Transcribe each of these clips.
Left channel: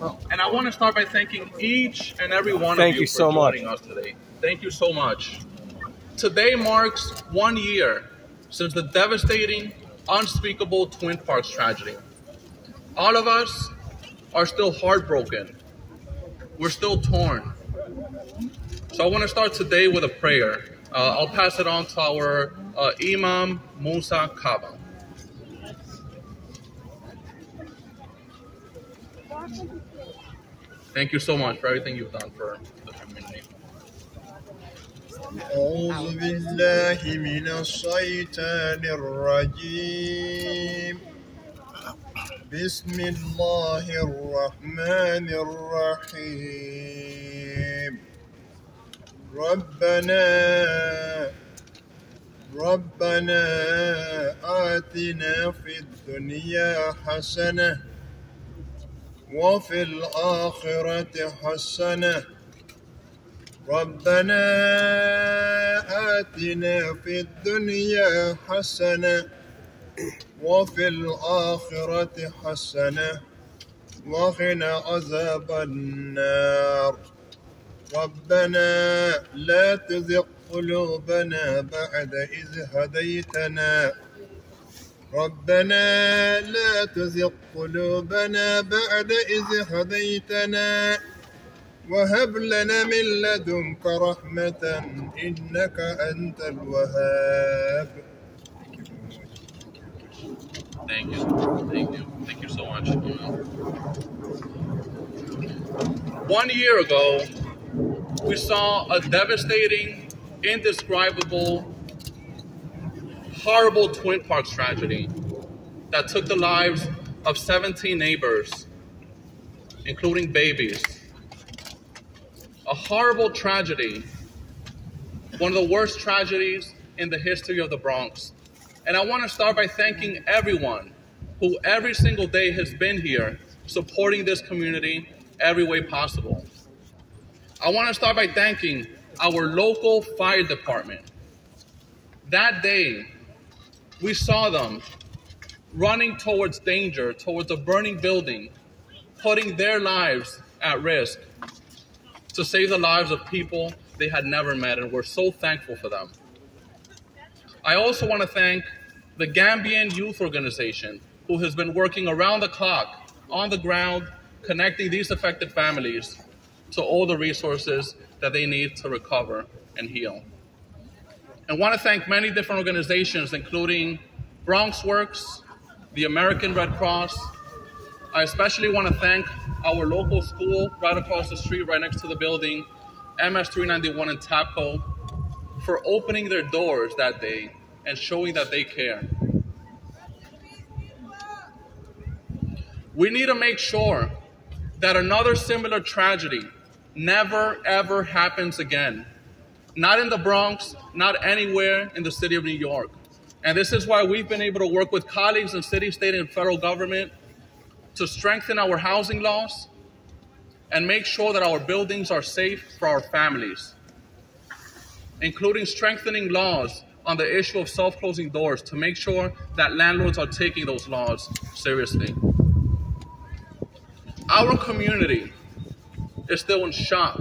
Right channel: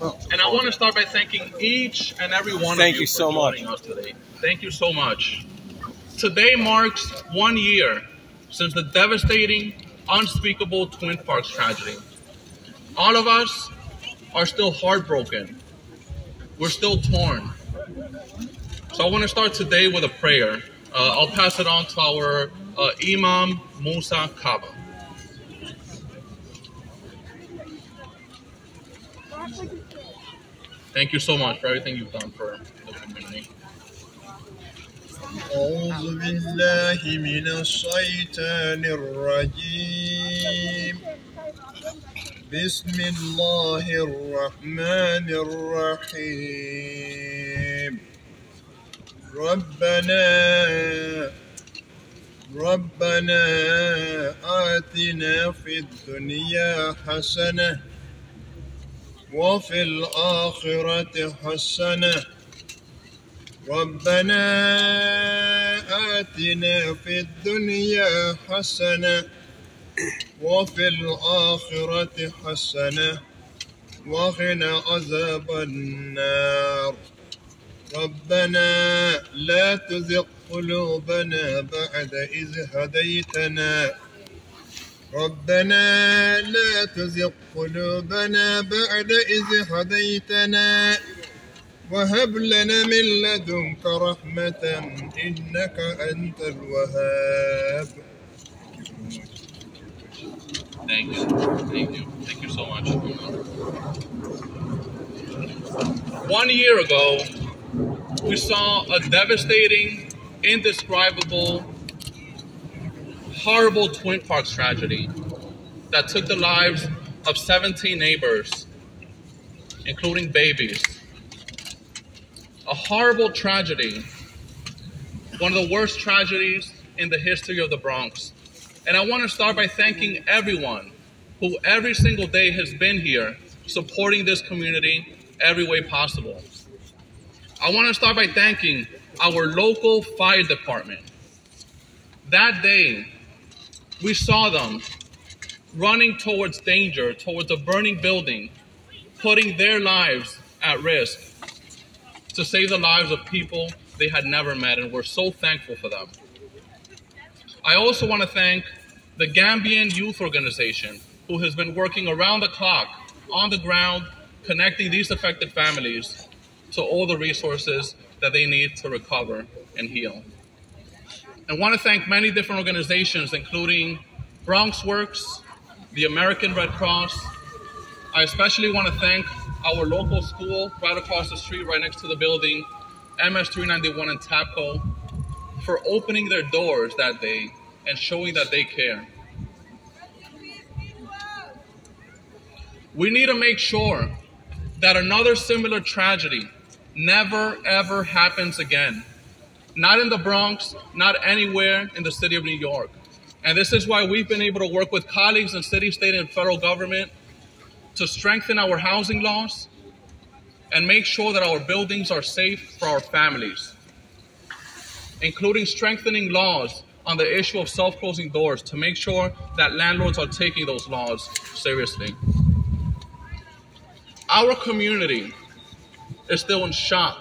And I want to start by thanking each and every one of you for joining us today. Thank you so much. Today marks 1 year since the devastating, unspeakable Twin Parks tragedy. All of us are still heartbroken. We're still torn. So I want to start today with a prayer. I'll pass it on to our Imam Musa Kaba. Thank you so much for everything you've done for the community. أعوذ بالله من الشيطان الرجيم بسم الله الرحمن الرحيم ربنا آتنا في الدنيا حسنة وفي الآخرة حسنة ربنا آتنا في الدنيا حسنة وفي الآخرة حسنة وقنا عذاب النار ربنا لا تزغ قلوبنا بعد إذ هديتنا ربنا لا تزغ قلوبنا بعد إذ هديتنا وهب لنا من لدنك رحمة إنك أنت الوهاب. Thank you so much. 1 year ago, we saw a devastating, indescribable, horrible Twin Parks tragedy that took the lives of 17 neighbors, including babies. A horrible tragedy, one of the worst tragedies in the history of the Bronx. And I want to start by thanking everyone who every single day has been here supporting this community every way possible. I want to start by thanking our local fire department. That day, we saw them running towards danger, towards a burning building, putting their lives at risk to save the lives of people they had never met, and we're so thankful for them. I also want to thank the Gambian Youth Organization, who has been working around the clock, on the ground, connecting these affected families to all the resources that they need to recover and heal. I want to thank many different organizations, including Bronx Works, the American Red Cross. I especially want to thank our local school right across the street, right next to the building, MS 391 in Tapco, for opening their doors that day and showing that they care. We need to make sure that another similar tragedy never, ever happens again. Not in the Bronx, not anywhere in the city of New York. And this is why we've been able to work with colleagues in city, state, and federal government to strengthen our housing laws and make sure that our buildings are safe for our families, including strengthening laws on the issue of self-closing doors to make sure that landlords are taking those laws seriously. Our community is still in shock.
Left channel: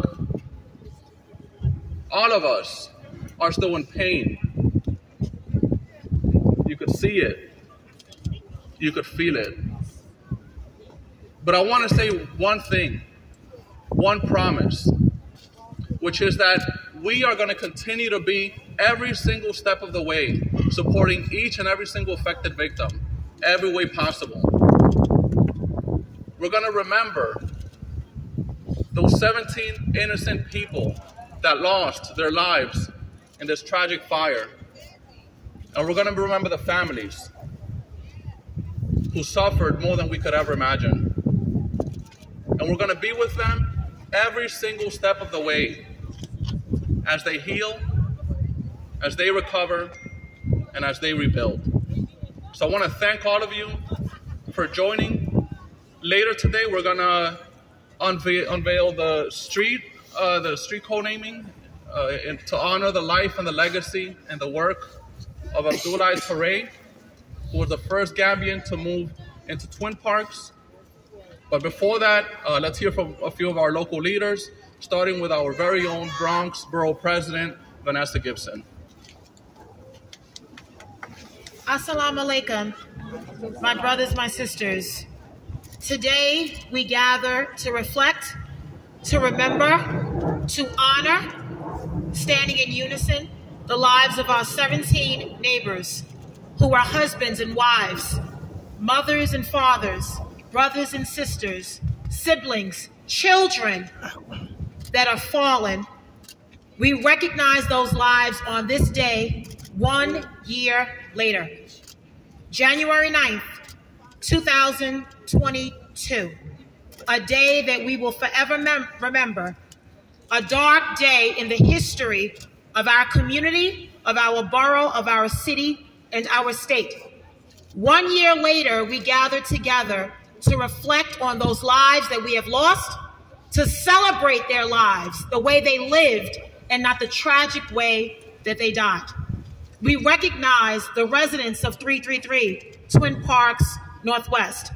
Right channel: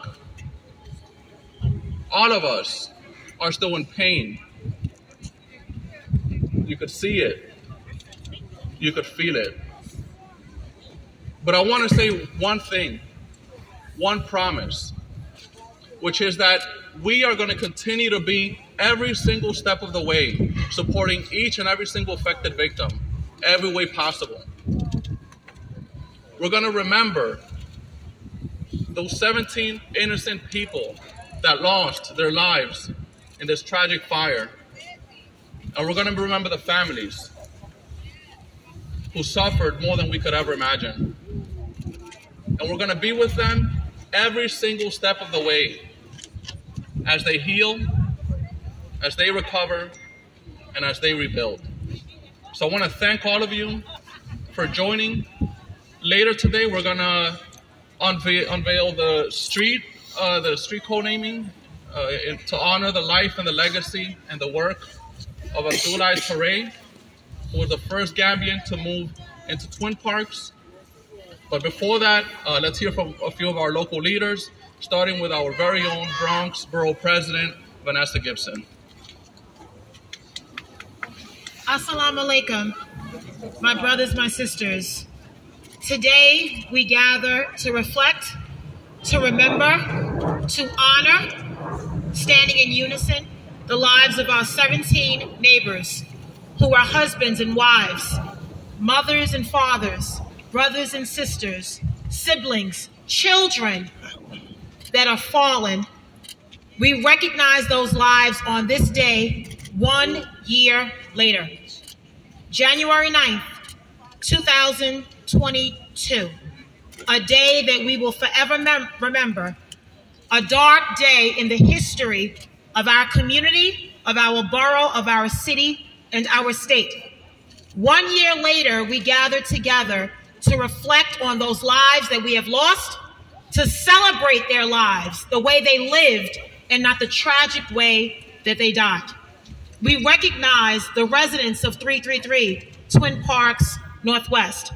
All of us are still in pain. You could see it. You could feel it. But I want to say one thing, one promise, which is that we are going to continue to be every single step of the way, supporting each and every single affected victim, every way possible. We're going to remember those 17 innocent people that lost their lives in this tragic fire. And we're going to remember the families who suffered more than we could ever imagine. And we're going to be with them every single step of the way as they heal, as they recover, and as they rebuild. So I want to thank all of you for joining. Later today, we're going to unveil the street co-naming to honor the life and the legacy and the work of Abdoule Touray, who was the first Gambian to move into Twin Parks. But before that, let's hear from a few of our local leaders, starting with our very own Bronx Borough President, Vanessa Gibson. Assalamu alaikum, my brothers, my sisters. Today we gather to reflect, to remember, to honor, standing in unison, the lives of our 17 neighbors who are husbands and wives, mothers and fathers, brothers and sisters, siblings, children that are fallen. We recognize those lives on this day 1 year later, January 9th, 2022, a day that we will forever remember, a dark day in the history of our community, of our borough, of our city, and our state. 1 year later, we gather together to reflect on those lives that we have lost, to celebrate their lives the way they lived and not the tragic way that they died. We recognize the residents of 333 Twin Parks Northwest,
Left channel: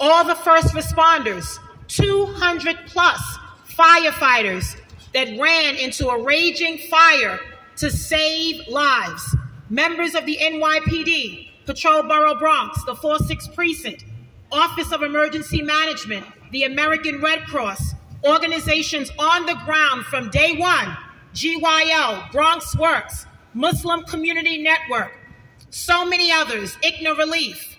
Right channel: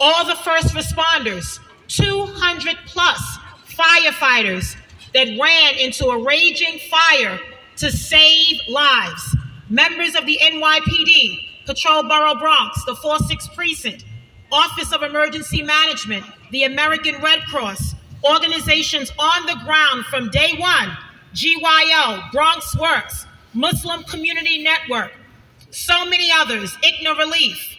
all the first responders, 200 plus firefighters that ran into a raging fire to save lives, members of the NYPD, Patrol Borough Bronx, the 4-6 Precinct, Office of Emergency Management, the American Red Cross, organizations on the ground from day one, GYO, Bronx Works, Muslim Community Network, so many others, ICNA Relief,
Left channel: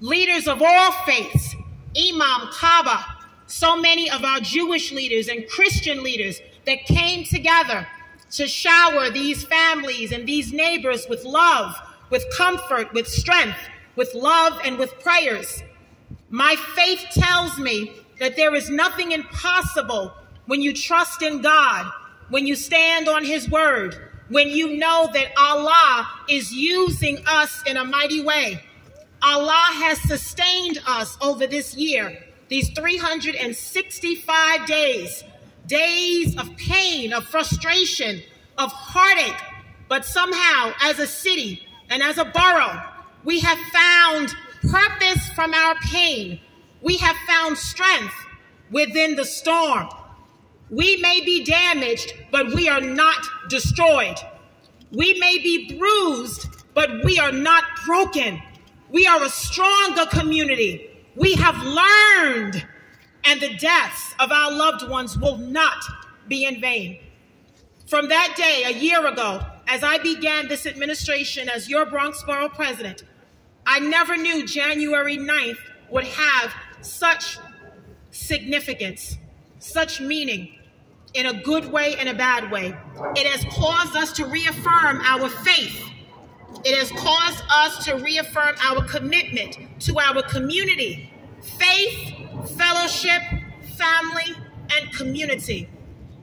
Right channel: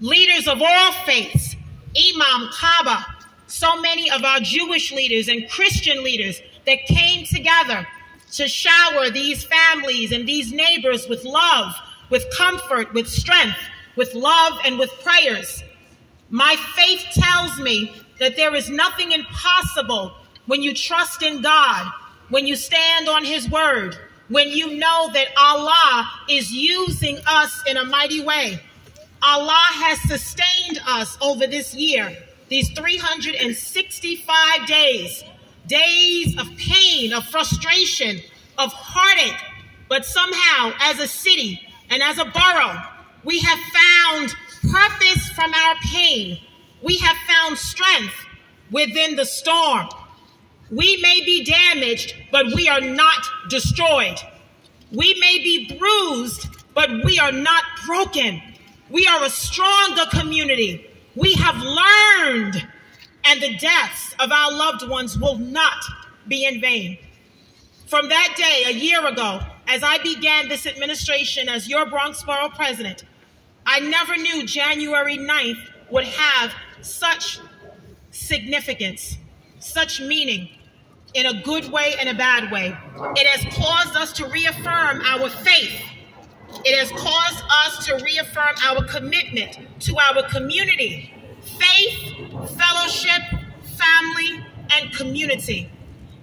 leaders of all faiths, Imam Kaaba, so many of our Jewish leaders and Christian leaders that came together to shower these families and these neighbors with love, with comfort, with strength, with love, and with prayers. My faith tells me that there is nothing impossible when you trust in God, when you stand on His word, when you know that Allah is using us in a mighty way. Allah has sustained us over this year, these 365 days, days of pain, of frustration, of heartache. But somehow, as a city and as a borough, we have found purpose from our pain. We have found strength within the storm. We may be damaged, but we are not destroyed. We may be bruised, but we are not broken. We are a stronger community. We have learned, and the deaths of our loved ones will not be in vain. From that day, a year ago, as I began this administration as your Bronx Borough President, I never knew January 9th would have such significance, such meaning, in a good way and a bad way. It has caused us to reaffirm our faith. It has caused us to reaffirm our commitment to our community, faith, fellowship, family, and community.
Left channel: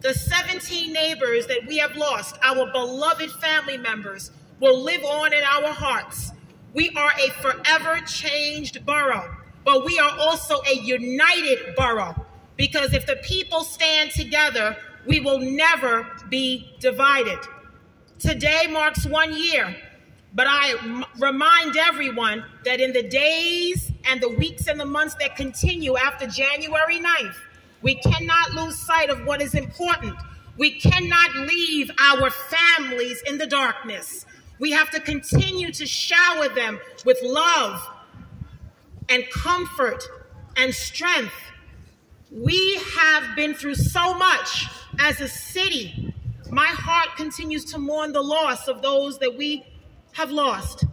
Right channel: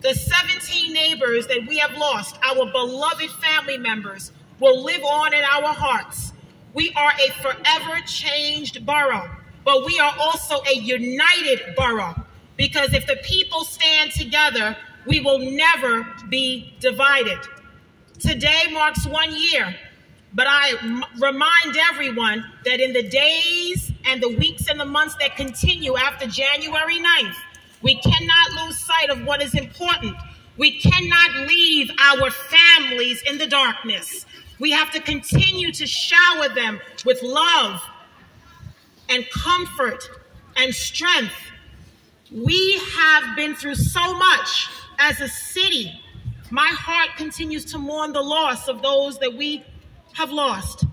The 17 neighbors that we have lost, our beloved family members, will live on in our hearts. We are a forever changed borough, but we are also a united borough, because if the people stand together, we will never be divided. Today marks 1 year, but I remind everyone that in the days and the weeks and the months that continue after January 9th, we cannot lose sight of what is important. We cannot leave our families in the darkness. We have to continue to shower them with love and comfort and strength. We have been through so much as a city. My heart continues to mourn the loss of those that we have lost.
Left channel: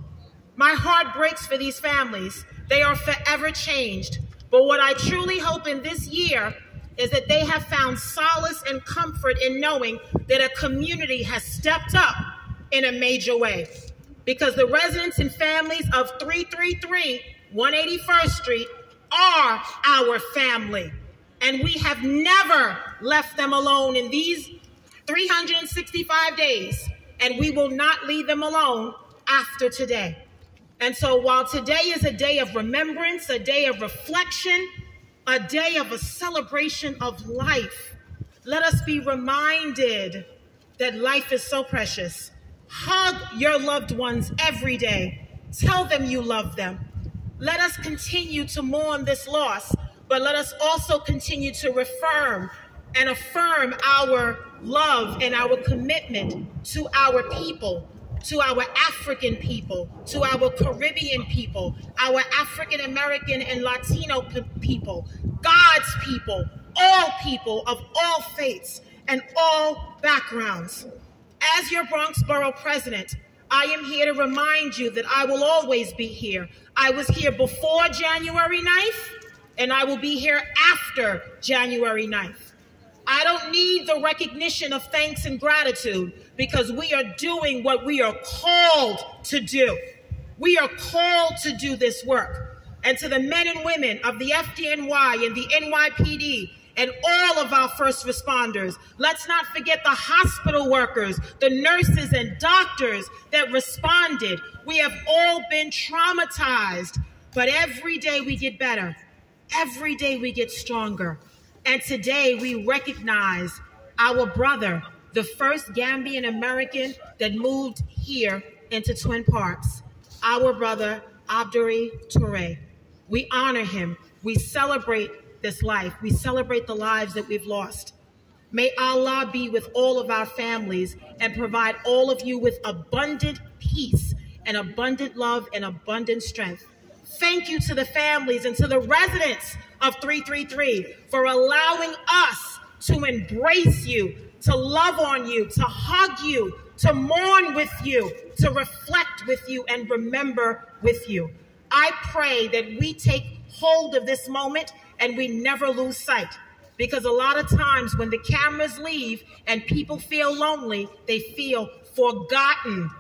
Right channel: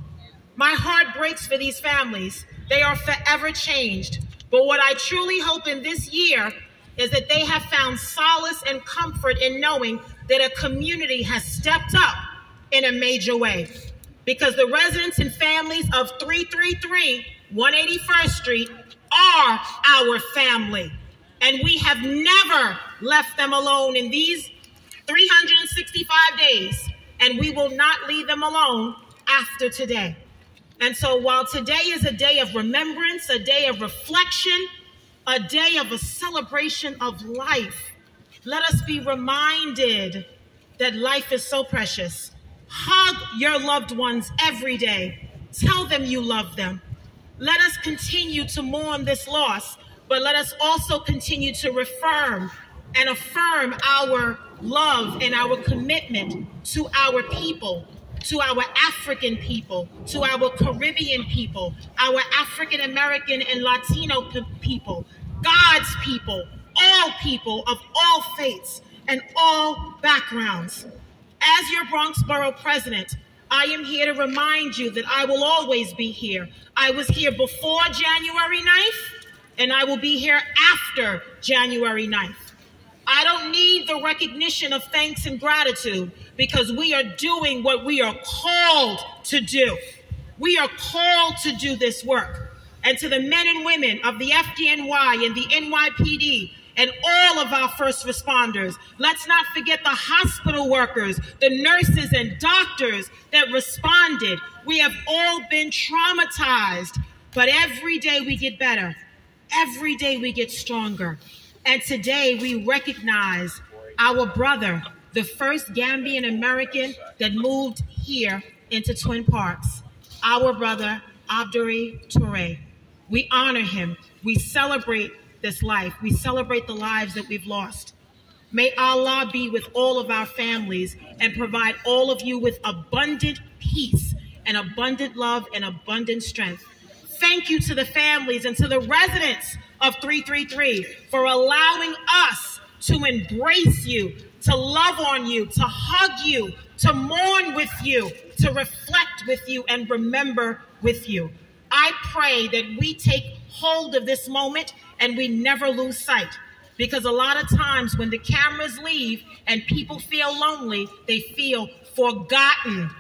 My heart breaks for these families. They are forever changed. But what I truly hope in this year is that they have found solace and comfort in knowing that a community has stepped up in a major way. Because the residents and families of 333 181st Street are our family. And we have never left them alone in these 365 days. And we will not leave them alone after today. And so while today is a day of remembrance, a day of reflection, a day of a celebration of life, let us be reminded that life is so precious. Hug your loved ones every day. Tell them you love them. Let us continue to mourn this loss but let us also continue to reaffirm and affirm our love and our commitment to our people, to our African people, to our Caribbean people, our African American and Latino people, God's people of all faiths and all backgrounds. As your Bronx Borough President, I am here to remind you that I will always be here. I was here before January 9th, and I will be here after January 9th. I don't need the recognition of thanks and gratitude because we are doing what we are called to do. We are called to do this work. And to the men and women of the FDNY and the NYPD and all of our first responders, let's not forget the hospital workers, the nurses and doctors that responded. We have all been traumatized, but every day we get better. Every day we get stronger. And today we recognize our brother, the first Gambian American that moved here into Twin Parks, our brother, Abdoule Touray. We honor him. We celebrate this life. We celebrate the lives that we've lost. May Allah be with all of our families and provide all of you with abundant peace and abundant love and abundant strength. Thank you to the families and to the residents of 333 for allowing us to embrace you, to love on you, to hug you, to mourn with you, to reflect with you, and remember with you. I pray that we take hold of this moment and we never lose sight, because a lot of times when the cameras leave and people feel lonely, they feel forgotten.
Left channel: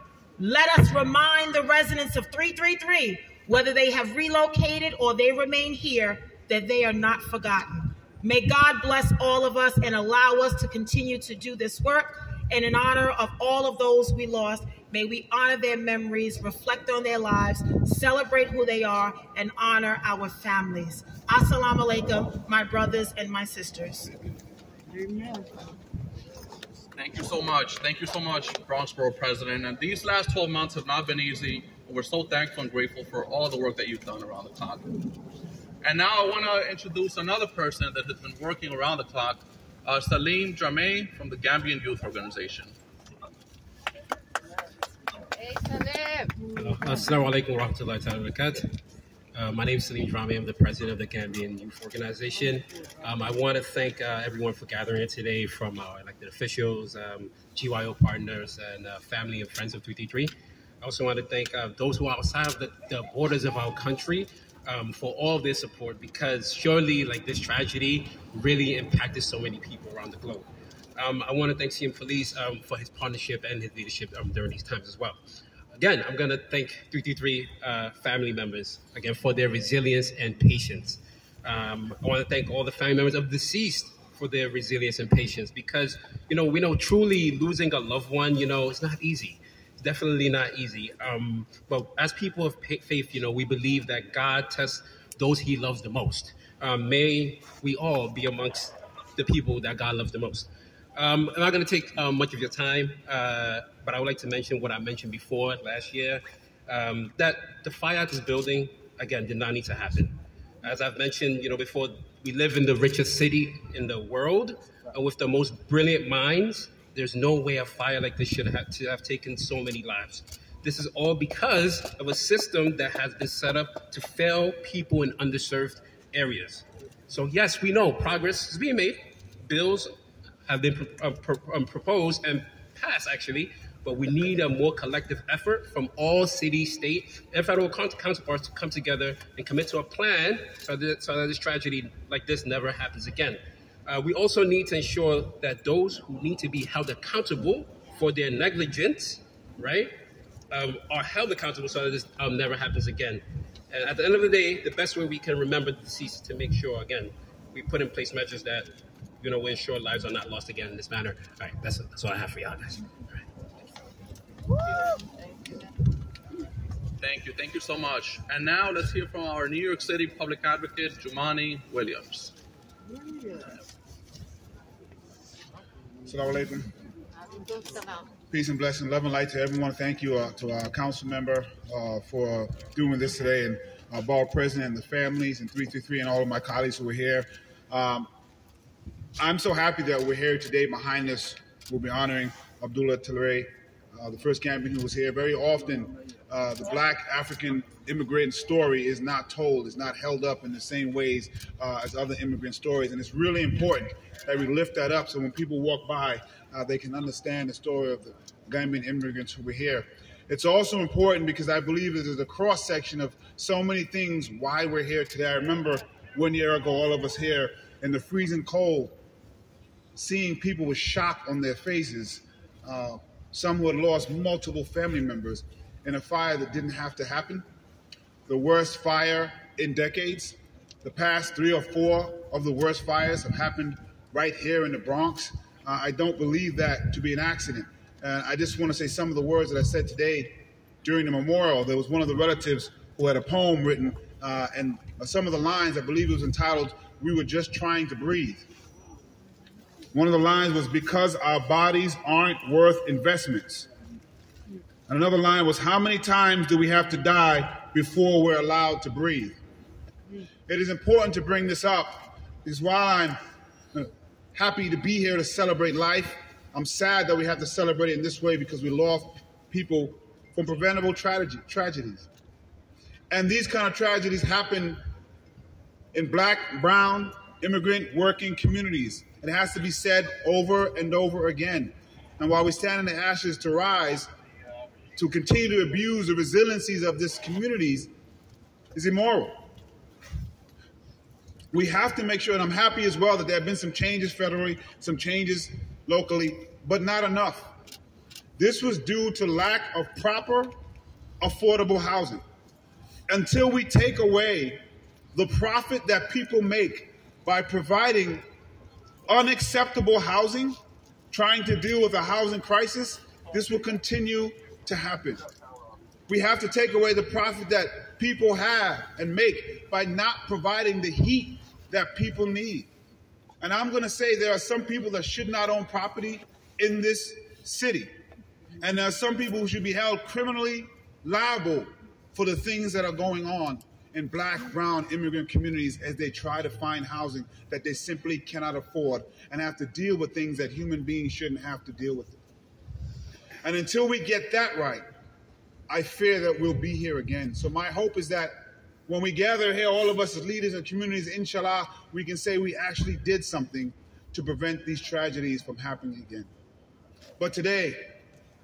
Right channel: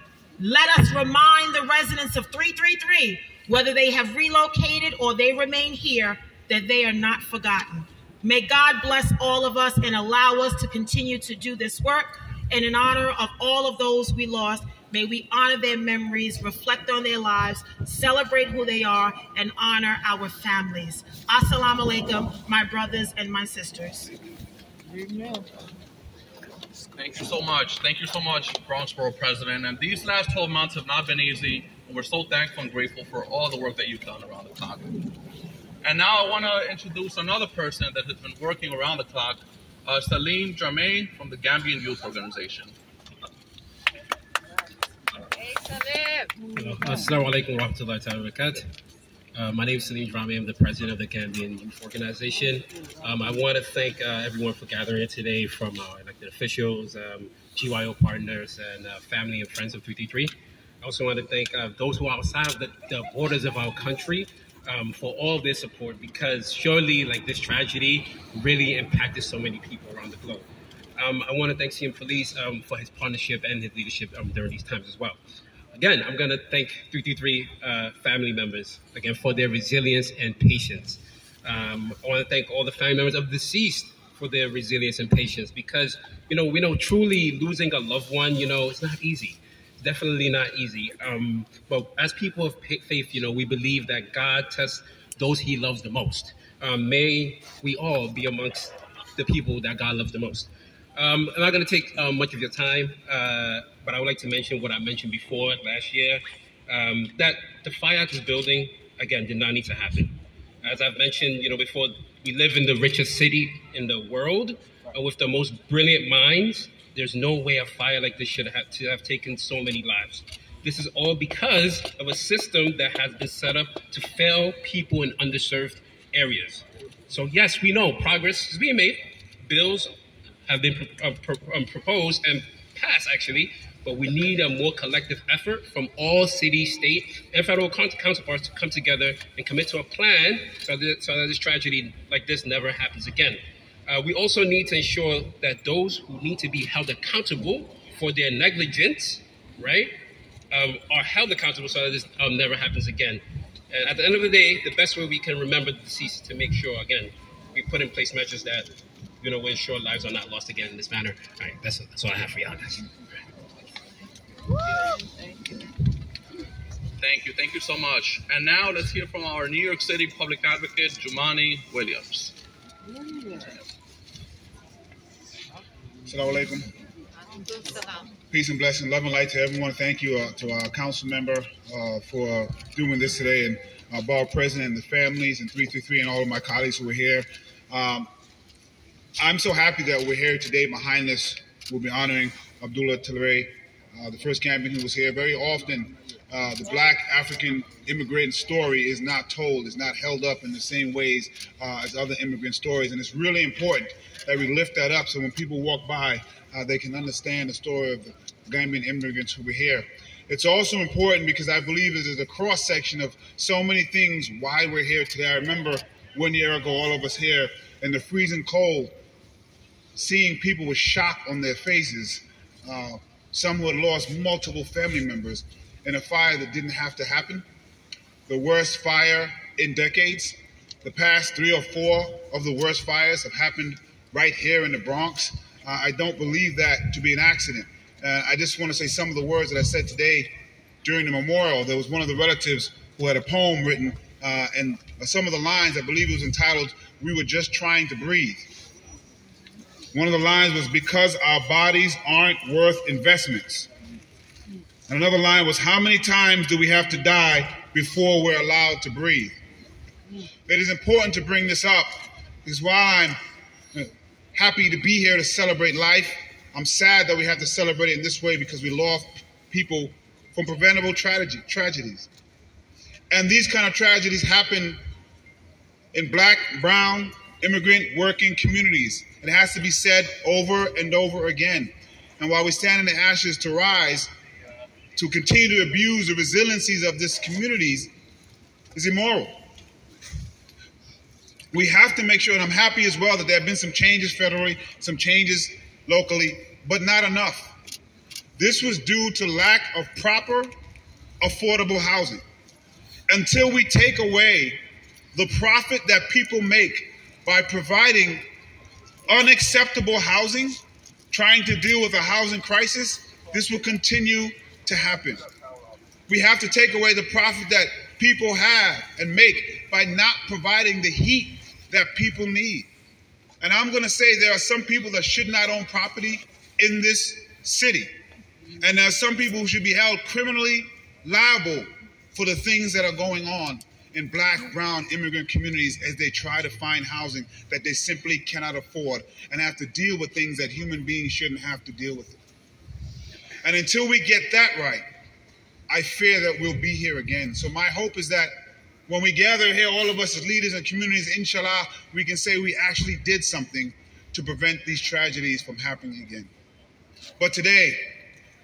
Let us remind the residents of 333, whether they have relocated or they remain here, that they are not forgotten. May God bless all of us and allow us to continue to do this work. And in honor of all of those we lost, may we honor their memories, reflect on their lives, celebrate who they are, and honor our families. Assalamu alaikum, my brothers and my sisters. Amen. Thank you so much. Thank you so much, Bronx Borough President. And these last 12 months have not been easy. And we're so thankful and grateful for all the work that you've done around the clock. And now I want to introduce another person that has been working around the clock, Salim Jermaine from the Gambian Youth Organization. Assalamu alaikum wa rahmatullahi wa barakatuh. My name is Salim Jermaine. I'm the president of the Gambian Youth Organization. I want to thank everyone for gathering here today, from our elected officials, GYO partners, and family and friends of 333. I also want to thank those who are outside of the borders of our country for all their support, because surely this tragedy really impacted so many people around the globe. I want to thank CM Police for his partnership and his leadership during these times as well. Again, I'm going to thank 333 family members, again, for their resilience and patience. I want to thank all the family members of the deceased for their resilience and patience, because, we know truly losing a loved one, it's not easy. Definitely not easy. But as people of faith, we believe that God tests those he loves the most. May we all be amongst the people that God loves the most. I'm not going to take much of your time, but I would like to mention what I mentioned before last year, that the fire at this building, again, did not need to happen. As I've mentioned, before, we live in the richest city in the world with the most brilliant minds. There's no way a fire like this should have taken so many lives. This is all because of a system that has been set up to fail people in underserved areas. So yes, we know progress is being made. Bills have been proposed and passed, actually, but we need a more collective effort from all city, state, and federal counterparts to come together and commit to a plan so that this tragedy like this never happens again. We also need to ensure that those who need to be held accountable for their negligence, right, are held accountable so that this never happens again. And at the end of the day, the best way we can remember the deceased is to make sure, again, we put in place measures that, will ensure lives are not lost again in this manner. All right, that's all I have for y'all, guys. Thank you so much. And now let's hear from our New York City Public Advocate, Jumani Williams. Assalamu alaikum. Peace and blessing, love and light to everyone. Thank you to our council member for doing this today. And our borough president and the families, and 333 and all of my colleagues who are here. I'm so happy that we're here today. Behind us, we'll be honoring Abdoule Touray, the first Gambian who was here. Very often, the Black African immigrant story is not told, is not held up in the same ways as other immigrant stories. And it's really important that we lift that up so when people walk by, they can understand the story of the Gambian immigrants who were here. It's also important because I believe it is a cross-section of so many things why we're here today. I remember 1 year ago, all of us here in the freezing cold, seeing people with shock on their faces, some who had lost multiple family members in a fire that didn't have to happen, the worst fire in decades. The past 3 or 4 of the worst fires have happened right here in the Bronx. I don't believe that to be an accident. I just want to say some of the words that I said today during the memorial. There was one of the relatives who had a poem written, and some of the lines, I believe it was entitled, "We Were Just Trying to Breathe." One of the lines was, "Because our bodies aren't worth investments." And another line was, "How many times do we have to die before we're allowed to breathe?" It is important to bring this up because while I'm happy to be here to celebrate life, I'm sad that we have to celebrate it in this way because we lost people from preventable tragedies. And these kind of tragedies happen in Black, brown, immigrant, working communities. It has to be said over and over again. And while we stand in the ashes to rise, to continue to abuse the resiliencies of these communities is immoral. We have to make sure, and I'm happy as well that there have been some changes federally, some changes locally, but not enough. This was due to lack of proper, affordable housing. Until we take away the profit that people make by providing unacceptable housing, trying to deal with a housing crisis, this will continue to happen. We have to take away the profit that people have and make by not providing the heat that people need. And I'm going to say there are some people that should not own property in this city. And there are some people who should be held criminally liable for the things that are going on in Black, brown immigrant communities as they try to find housing that they simply cannot afford and have to deal with things that human beings shouldn't have to deal with. And until we get that right, I fear that we'll be here again. So my hope is that when we gather here, all of us as leaders and communities, inshallah, we can say we actually did something to prevent these tragedies from happening again. But today,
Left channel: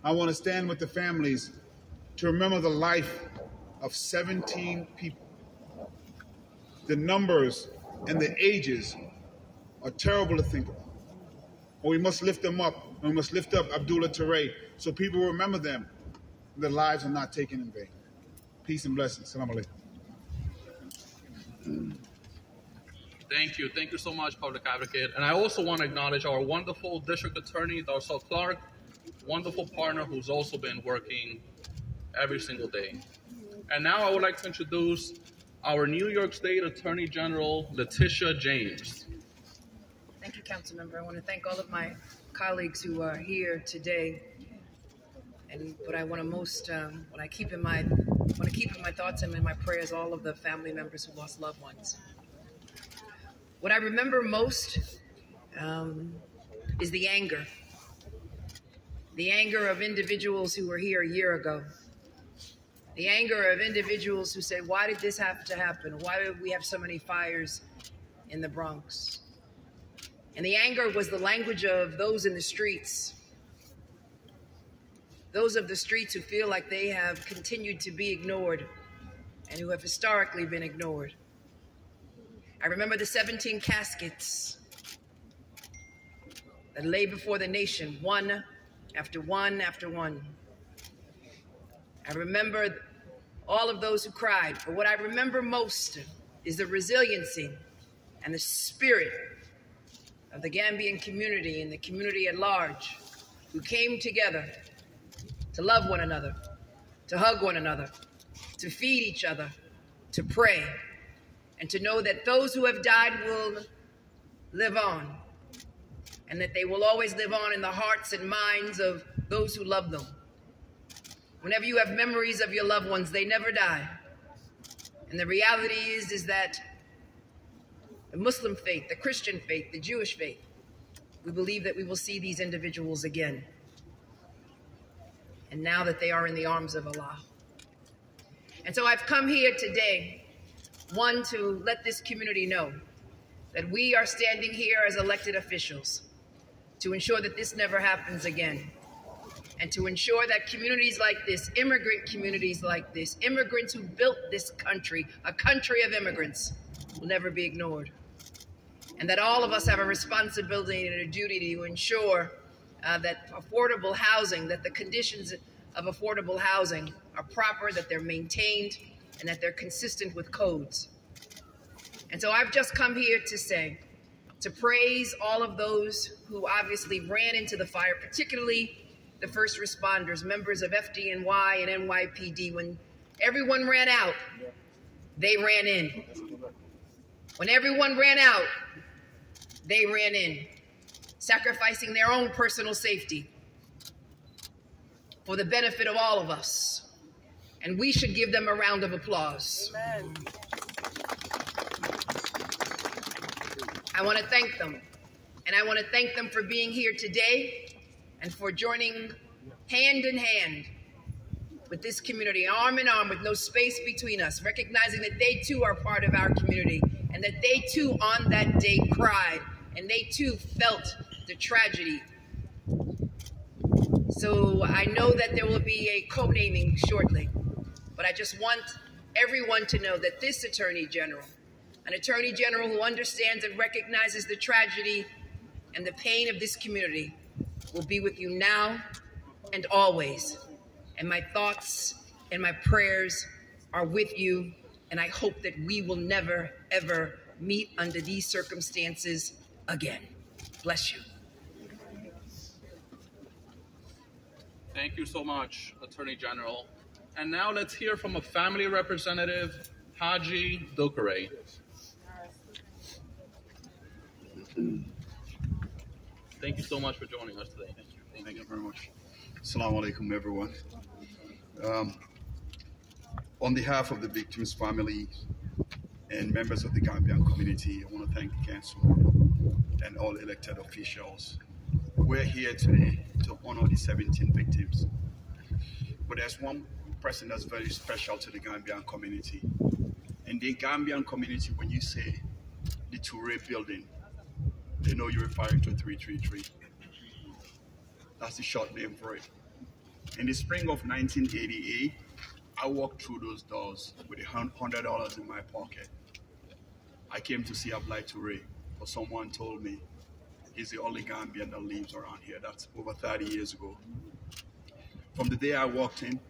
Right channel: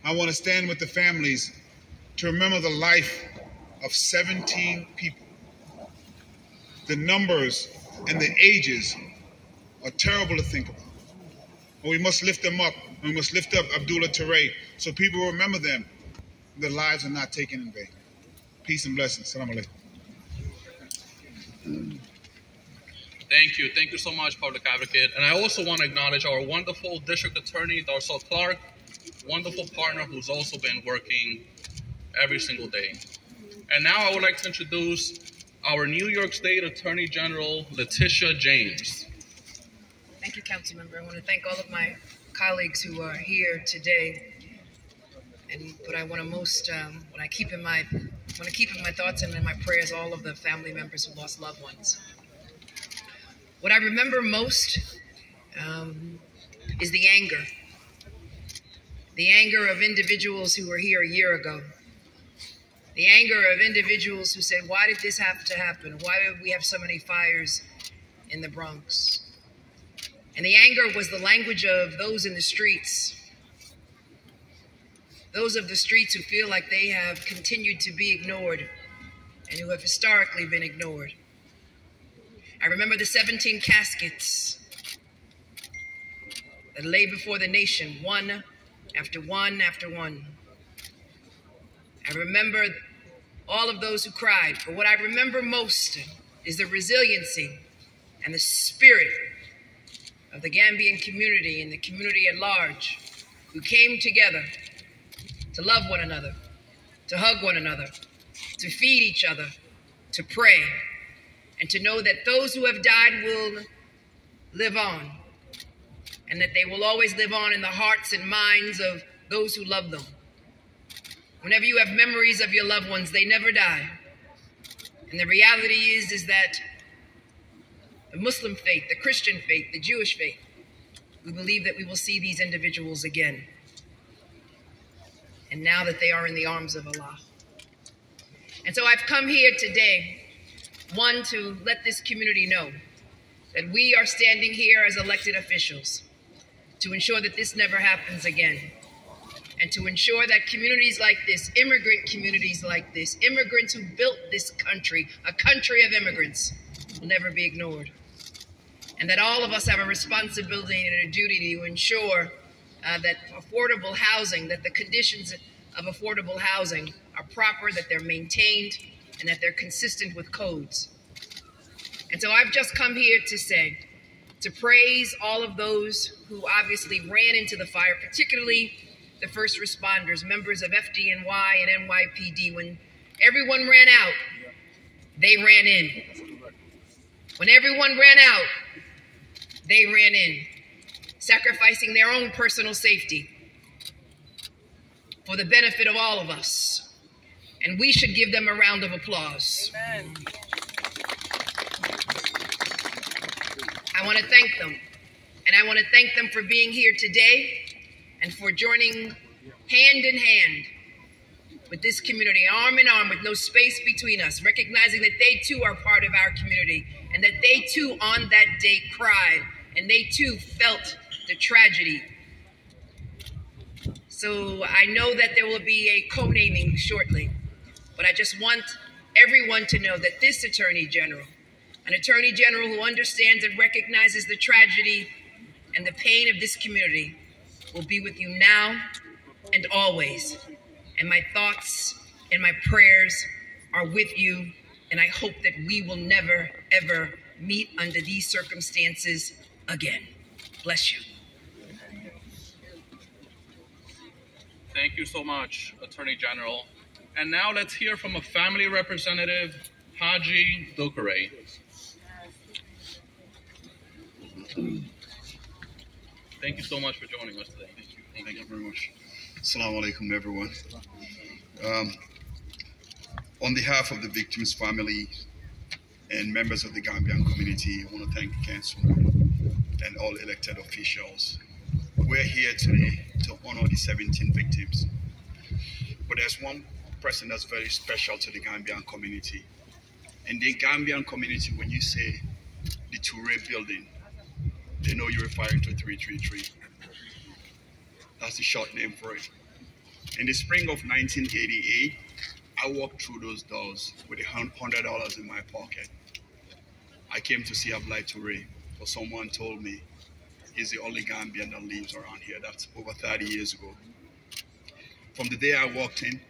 I want to stand with the families to remember the life of 17 people. The numbers and the ages are terrible to think about. But we must lift them up, and we must lift up Abdoule Touray so people remember them and their lives are not taken in vain. Peace and blessings. Salam alaikum. Thank you. Thank you so much, Public Advocate. And I also want to acknowledge our wonderful District Attorney, Darcel Clark, wonderful partner who's also been working every single day. And now I would like to introduce our New York State Attorney General, Letitia James. Thank you, Councilmember. I want to thank all of my colleagues who are here today. But I want to want to keep in my thoughts and in my prayers all of the family members who lost loved ones. What I remember most is the anger of individuals who were here a year ago. The anger of individuals who said, why did this have to happen? Why did we have so many fires in the Bronx? And the anger was the language of those in the streets. Those of the streets who feel like they have continued to be ignored and who have historically been ignored. I remember the 17 caskets that lay before the nation, one after one after one. I remember all of those who cried, but what I remember most is the resiliency and the spirit of the Gambian community and the community at large who came together to love one another, to hug one another, to feed each other, to pray, and to know that those who have died will live on, and that they will always live on in the hearts and minds of those who love them. Whenever you have memories of your loved ones, they never die. And the reality is that the Muslim faith, the Christian faith, the Jewish faith, we believe that we will see these individuals again. And now that they are in the arms of Allah. And so I've come here today, one, to let this community know that we are standing here as elected officials to ensure that this never happens again. And to ensure that communities like this, immigrant communities like this, immigrants who built this country, a country of immigrants, will never be ignored. And that all of us have a responsibility and a duty to ensure that affordable housing, that the conditions of affordable housing are proper, that they're maintained, and that they're consistent with codes. And so I've just come here to say, to praise all of those who obviously ran into the fire, particularly the first responders, members of FDNY and NYPD. When everyone ran out, they ran in. When everyone ran out, they ran in, sacrificing their own personal safety for the benefit of all of us. And we should give them a round of applause. Amen. I want to thank them. And I want to thank them for being here today and for joining hand in hand with this community, arm in arm, with no space between us, recognizing that they too are part of our community and that they too on that day cried and they too felt the tragedy. So I know that there will be a co-naming shortly, but I just want everyone to know that this Attorney General, an Attorney General who understands and recognizes the tragedy and the pain of this community, will be with you now and always. And my thoughts and my prayers are with you, and I hope that we will never, ever meet under these circumstances again. Bless you. Thank you so much, Attorney General. And now let's hear from a family representative, Haji Touray. Thank you so much for joining us today. Thank you. Thank you very much. Assalamu alaikum, everyone. On behalf of the victims' family and members of the Gambian community, I want to thank the council and all elected officials. We're here today to honor the 17 victims. But there's one person that's very special to the Gambian community. In the Gambian community, when you say the Touray building, they know you're referring to 333. That's the short name for it. In the spring of 1988, I walked through those doors with $100 in my pocket. I came to see Abdoule Touray, because someone told me he's the only Gambian that lives around here. That's over 30 years ago. From the day I walked in,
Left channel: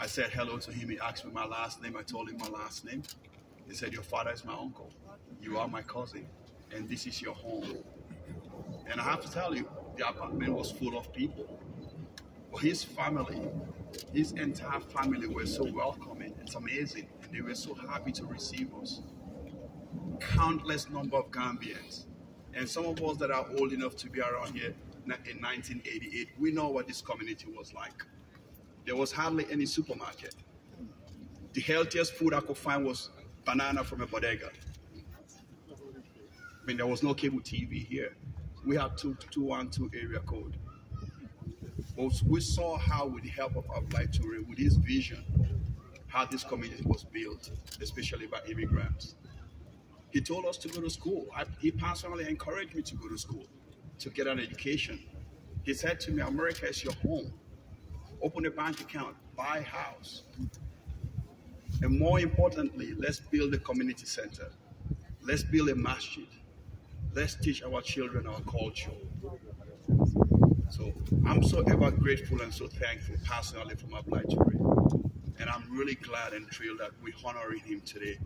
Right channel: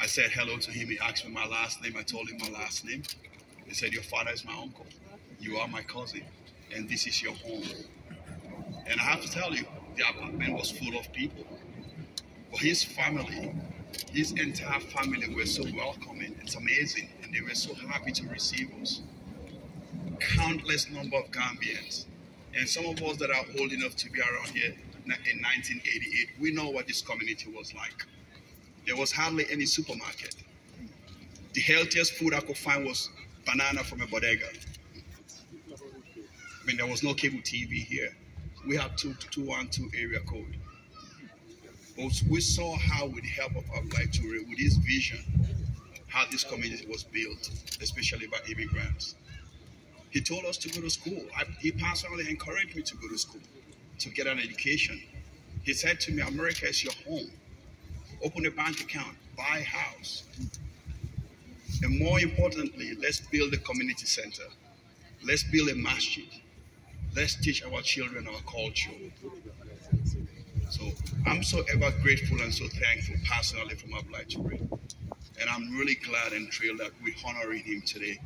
I said hello to him. He asked me my last name. I told him my last name. He said, your father is my uncle. You are my cousin. And this is your home. And I have to tell you, the apartment was full of people. But his family, his entire family were so welcoming. It's amazing. And they were so happy to receive us. Countless number of Gambians. And some of us that are old enough to be around here in 1988, we know what this community was like. There was hardly any supermarket. The healthiest food I could find was banana from a bodega. I mean, there was no cable TV here. We had 212 area code. But we saw how, with the help of Abdoule Touray, with his vision, how this community was built, especially by immigrants. He told us to go to school. He personally encouraged me to go to school, to get an education. He said to me, America is your home. Open a bank account, buy a house. And more importantly, let's build a community center. Let's build a masjid. Let's teach our children our culture. So I'm so ever grateful and so thankful personally for Abdoule Touray. And I'm really glad and thrilled that we're honoring him today.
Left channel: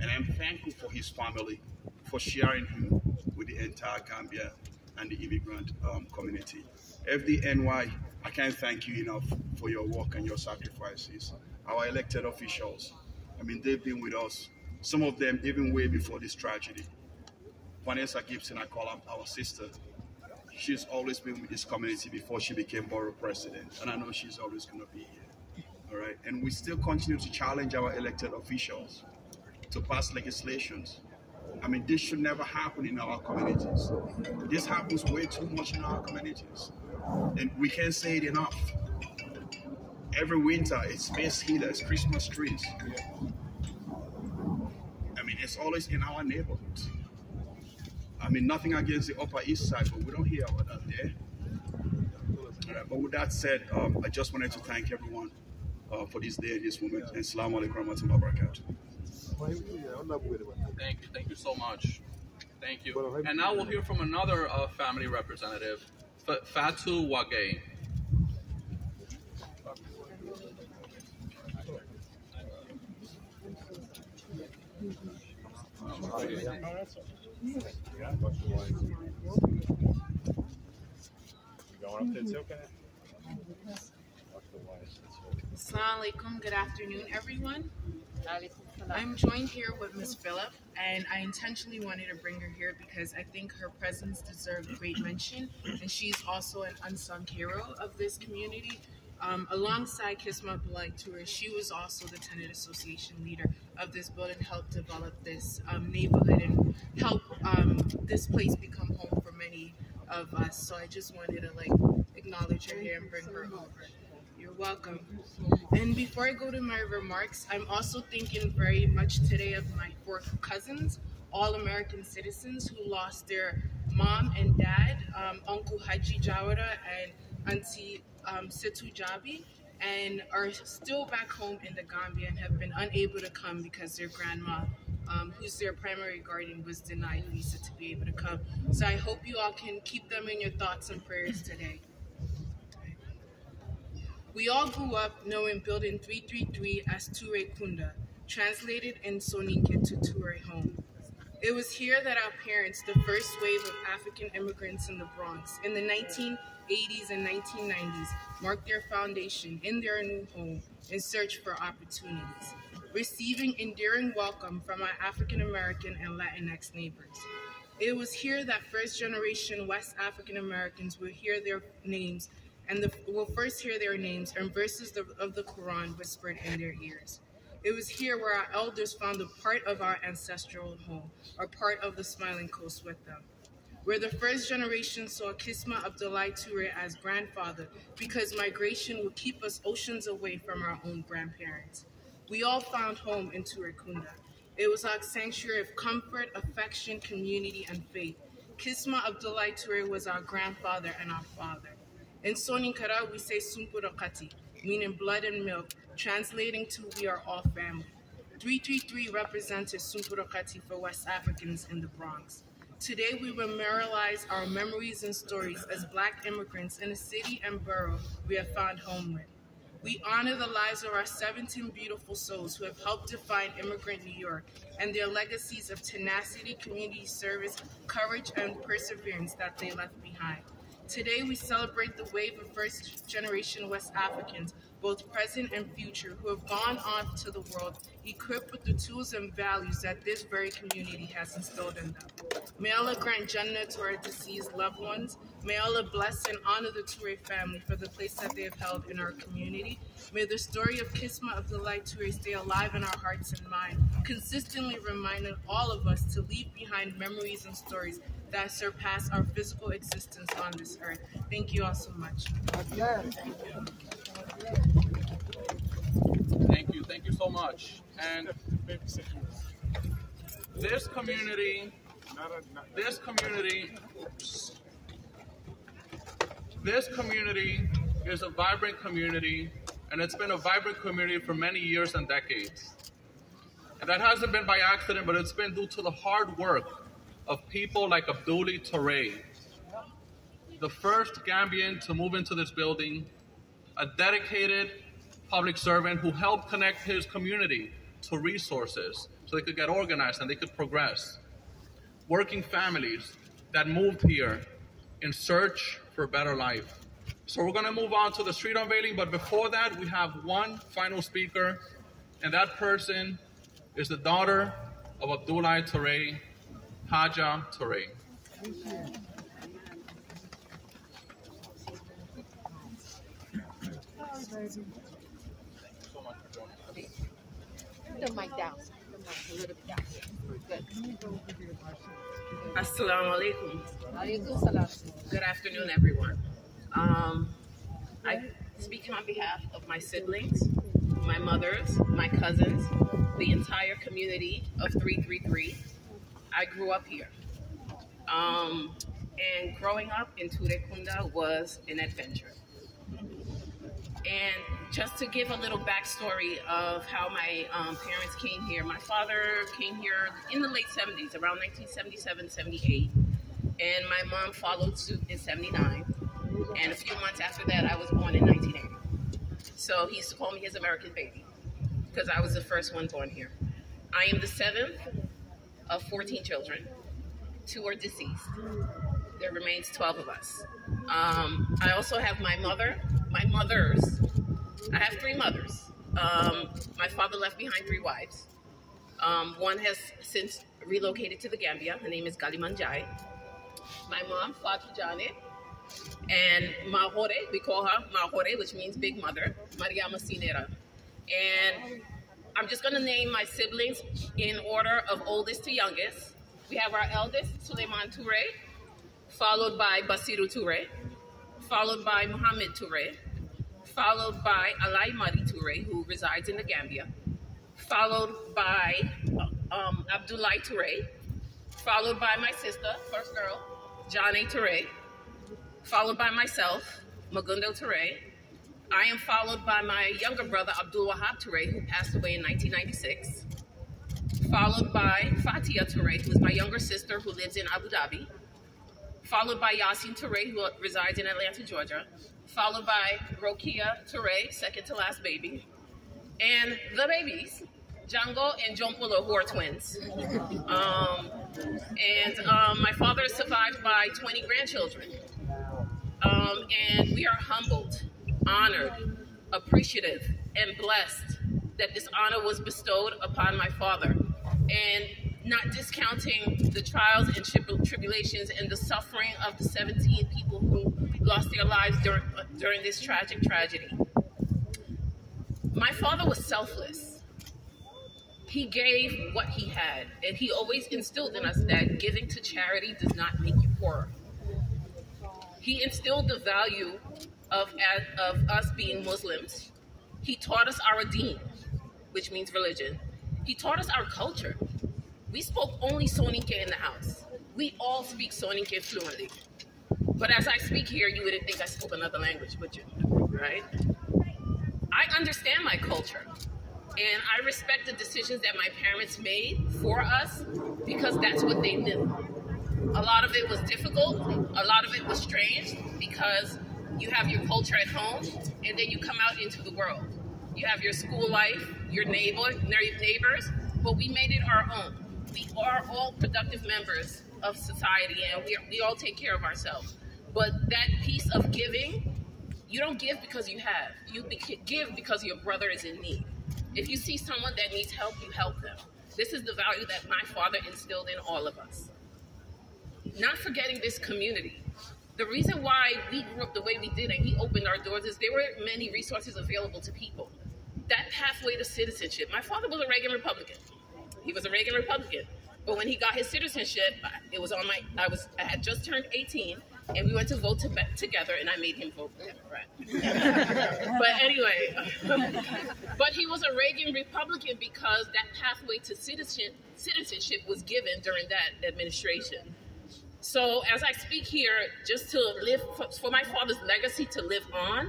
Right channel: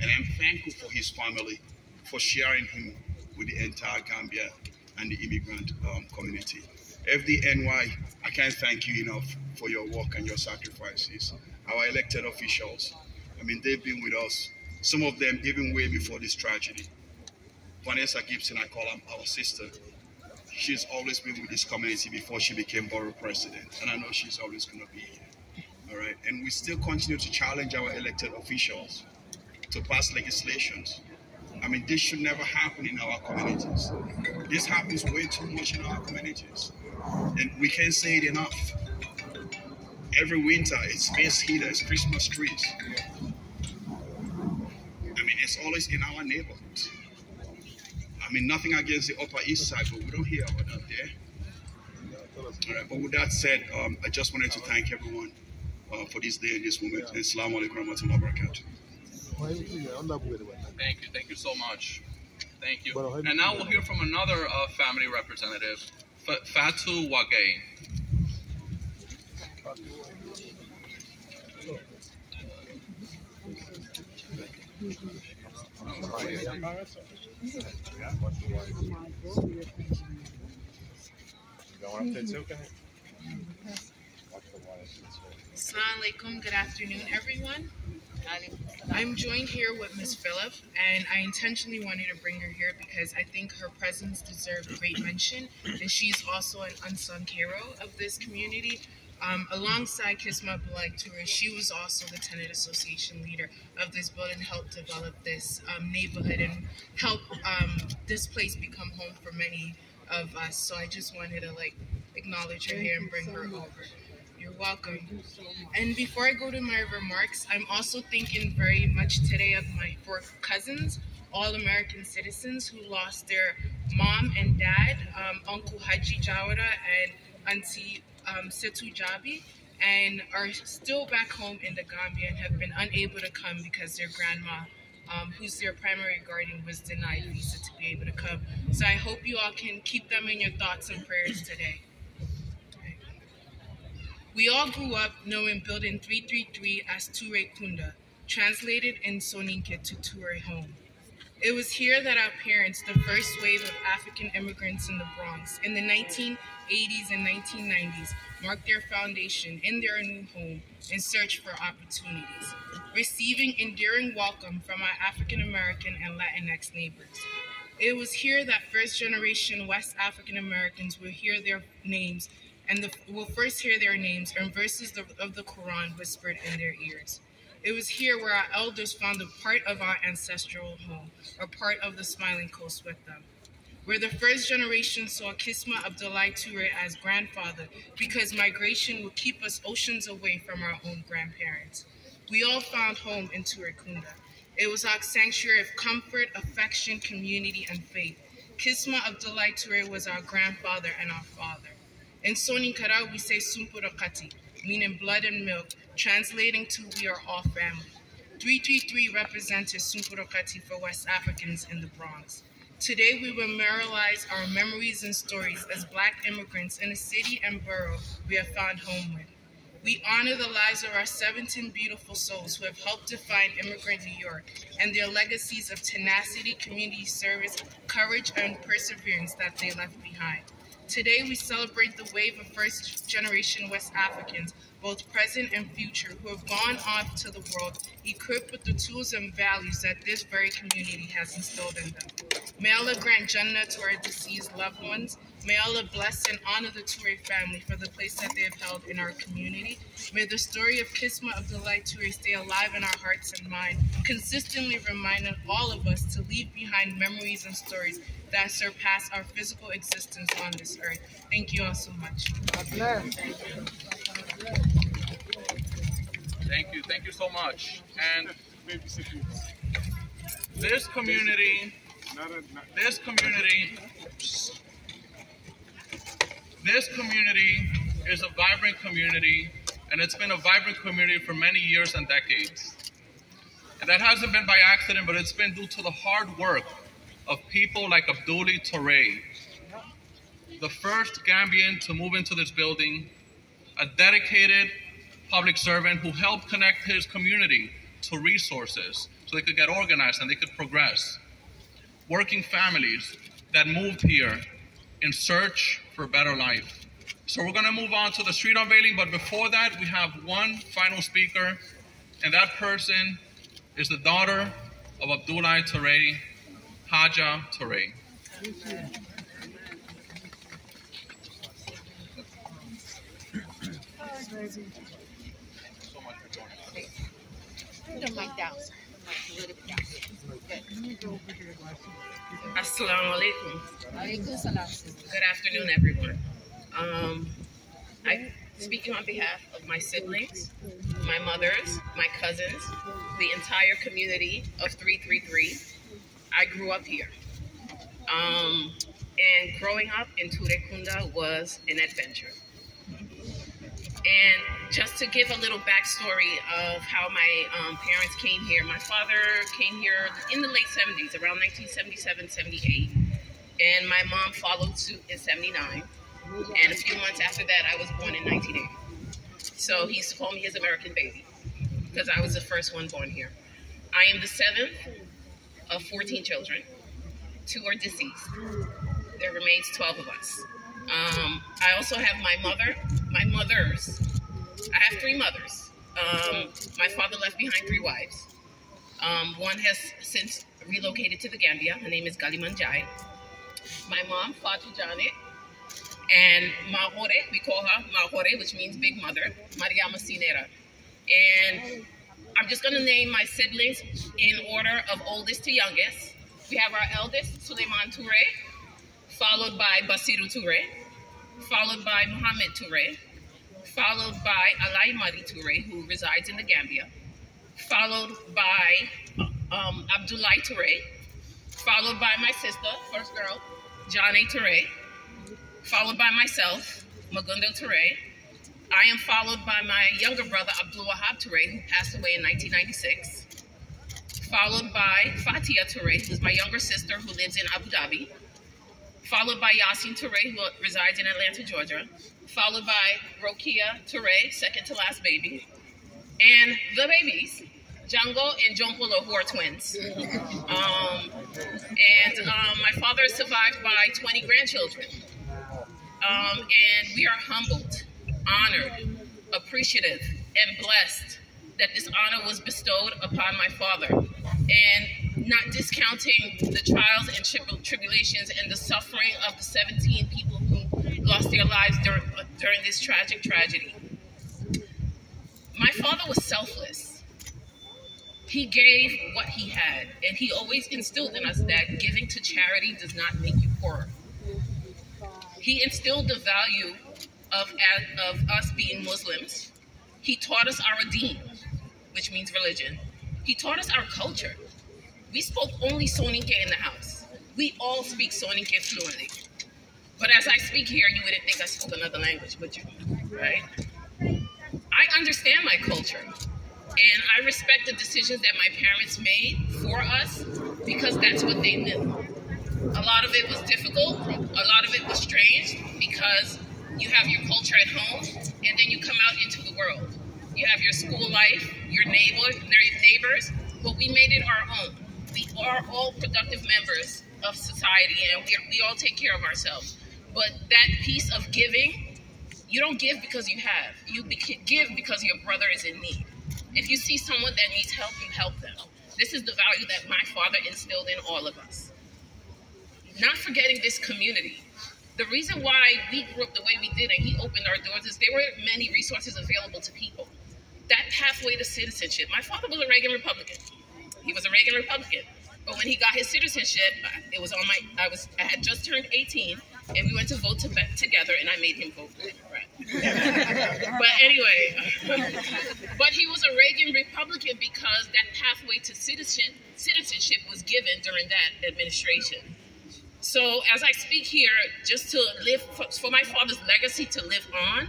And I'm thankful for his family for sharing him with the entire Gambia and the immigrant community. FDNY, I can't thank you enough for your work and your sacrifices. Our elected officials, I mean, they've been with us, some of them even way before this tragedy. Vanessa Gibson, I call her our sister. She's always been with this community before she became borough president, and I know she's always going to be here. All right, and we still continue to challenge our elected officials to pass legislations. I mean, this should never happen in our communities. This happens way too much in our communities. And we can't say it enough. Every winter, it's space heaters, Christmas trees. I mean, it's always in our neighborhoods. I mean, nothing against the Upper East Side, but we don't hear about that there. All right, but with that said, I just wanted to thank everyone for this day and this moment. And Assalamu alaikum warahmatullahi wabarakatuh. Thank you so much. Thank you. And now we'll hear from another family representative, Fatu Wage. Assalamu alaikum. Good afternoon, everyone. I'm joined here with Ms. Phillip, and I intentionally wanted to bring her here because I think her presence deserves great mention, and she's also an unsung hero of this community. Alongside Kisma Abdoule Touray, she was also the tenant association leader of this building, helped develop this neighborhood and help this place become home for many of us. So I just wanted to acknowledge her here and bring her over. You're welcome. And before I go to my remarks, I'm also thinking very much today of my 4 cousins, all American citizens who lost their mom and dad, Uncle Haji Jawara and Auntie Setu Jabi, and are still back home in the Gambia and have been unable to come because their grandma, who's their primary guardian, was denied visa to be able to come. So I hope you all can keep them in your thoughts and prayers today. We all grew up knowing Building 333 as Touray Kunda, translated in Soninke to Touray home. It was here that our parents, the first wave of African immigrants in the Bronx in the 1980s and 1990s, marked their foundation in their new home in search for opportunities, receiving enduring welcome from our African American and Latinx neighbors. It was here that first generation West African Americans will hear their names will first hear their names and verses of the Quran whispered in their ears. It was here where our elders found a part of our ancestral home, or part of the Smiling Coast with them. Where the first generation saw Kisma Abdoule Touray as grandfather because migration would keep us oceans away from our own grandparents. We all found home in Touray Kunda. It was our sanctuary of comfort, affection, community, and faith. Kisma Abdoule Touray was our grandfather and our father. In Soninkara, we say Sumpurokati, meaning blood and milk, translating to we are all family. 333 represented Sumpurokati for West Africans in the Bronx. Today, we memorialize our memories and stories as Black immigrants in a city and borough we have found home with. We honor the lives of our 17 beautiful souls who have helped define immigrant New York and their legacies of tenacity, community service, courage, and perseverance that they left behind. Today, we celebrate the wave of first-generation West Africans, both present and future, who have gone off to the world equipped with the tools and values that this very community has instilled in them. May Allah grant Jannah to our deceased loved ones. May Allah bless and honor the Touray family for the place that they have held in our community. May the story of Kisma Abdoule Touray stay alive in our hearts and minds, consistently reminding all of us to leave behind memories and stories that surpass our physical existence on this earth. Thank you all so much. Thank you so much. And this community is a vibrant community, and it's been a vibrant community for many years and decades. And that hasn't been by accident, but it's been due to the hard work of people like Abdoule Touray, the first Gambian to move into this building, a dedicated public servant who helped connect his community to resources so they could get organized and they could progress. Working families that moved here in search for a better life. So we're gonna move on to the street unveiling, but before that, we have one final speaker, and that person is the daughter of Abdoule Touray, Haja Touray. So much for joining us. Put the mic down. Assalamu alaikum. Good afternoon, everyone. I'm speaking on behalf of my siblings, my mothers, my cousins, the entire community of 333. I grew up here. And growing up in Touray Kunda was an adventure. And just to give a little backstory of how my parents came here, my father came here in the late 70s, around 1977, 78. And my mom followed suit in 79. And a few months after that, I was born in 1980. So he used to call me his American baby because I was the first one born here. I am the 7th of 14 children. 2 are deceased. There remains 12 of us. I also have my mothers. I have 3 mothers. My father left behind 3 wives. One has since relocated to the Gambia. Her name is Galimanjai. My mom, Fatou Jane, and Mahore, we call her Mahore, which means big mother, Mariama Sinera. And I'm just gonna name my siblings in order of oldest to youngest. We have our eldest, Suleiman Touray, followed by Basiru Touray, followed by Mohammed Touray, followed by Alai Madi Touray, who resides in the Gambia, followed by Abdoule Touray, followed by my sister, first girl, Jane Touray, followed by myself, Magundo Touray. I am followed by my younger brother, Abdul Wahab Touray, who passed away in 1996, followed by Fatia Touray, who is my younger sister who lives in Abu Dhabi, followed by Yasin Touray, who resides in Atlanta, Georgia, followed by Rokia Touray, second to last baby, and the babies, Django and Jompolo, who are twins. My father is survived by 20 grandchildren. And we are humbled, honored, appreciative, and blessed that this honor was bestowed upon my father. And not discounting the trials and tribulations and the suffering of the 17 people who lost their lives during this tragic tragedy. My father was selfless. He gave what he had, and he always instilled in us that giving to charity does not make you poorer. He instilled the value of us being Muslims. He taught us our deen, which means religion. He taught us our culture. We spoke only Soninke in the house. We all speak Soninke fluently. But as I speak here, you wouldn't think I spoke another language, would you? Right? I understand my culture, and I respect the decisions that my parents made for us because that's what they knew. A lot of it was difficult, a lot of it was strange because you have your culture at home and then you come out into the world. You have your school life, your neighbors, but we made it our own. We are all productive members of society and we all take care of ourselves. But that piece of giving, you don't give because you have. You give because your brother is in need. If you see someone that needs help, you help them. This is the value that my father instilled in all of us. Not forgetting this community. The reason why we grew up the way we did and he opened our doors is there were many resources available to people. That pathway to citizenship. My father was a Reagan Republican. He was a Reagan Republican. But when he got his citizenship, it was on I had just turned 18 and we went to vote together and I made him vote for Democrat. But anyway, but he was a Reagan Republican because that pathway to citizenship was given during that administration. So as I speak here, just to live, for my father's legacy to live on,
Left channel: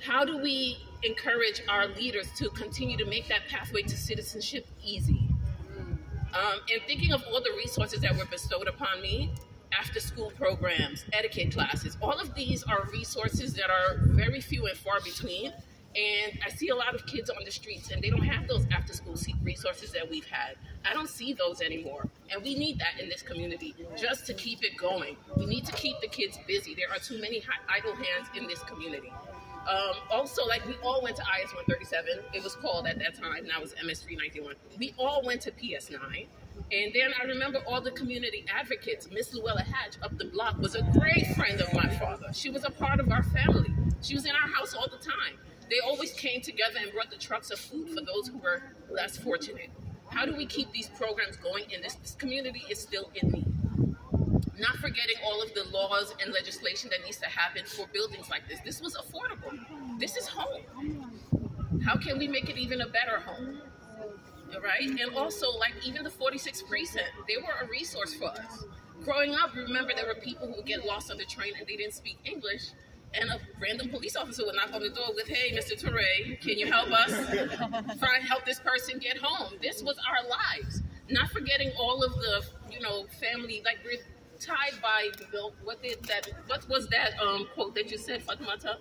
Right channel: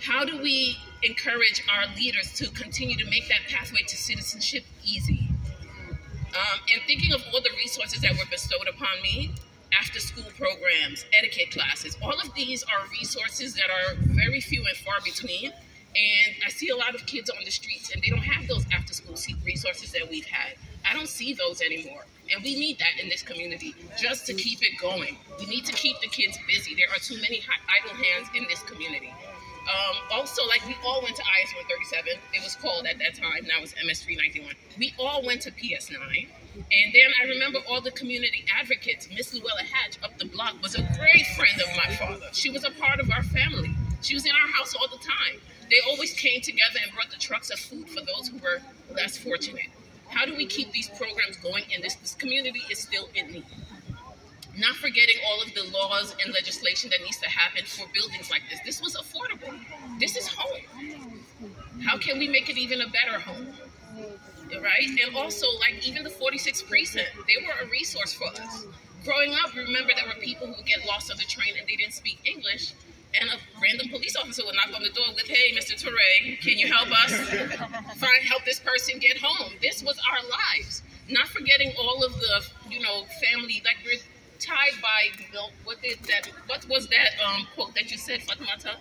how do we encourage our leaders to continue to make that pathway to citizenship easy? And thinking of all the resources that were bestowed upon me, after school programs, etiquette classes, all of these are resources that are very few and far between. And I see a lot of kids on the streets and they don't have those after school resources that we've had. I don't see those anymore. And we need that in this community just to keep it going. We need to keep the kids busy. There are too many idle hands in this community. Also, like we all went to IS 137. It was called at that time. Now it's MS 391. We all went to PS 9. And then I remember all the community advocates. Miss Luella Hatch up the block was a great friend of my father. She was a part of our family. She was in our house all the time. They always came together and brought the trucks of food for those who were less fortunate. How do we keep these programs going? And this community is still in need. Not forgetting all of the laws and legislation that needs to happen for buildings like this. This was affordable. This is home. How can we make it even a better home? Right? And also, like, even the 46th precinct, they were a resource for us. Growing up, remember, there were people who would get lost on the train and they didn't speak English. And a random police officer would knock on the door with, "Hey, Mr. Touray, can you help us help this person get home?" This was our lives. Not forgetting all of the, family, like we're tied by, what was that quote that you said, Fatimata?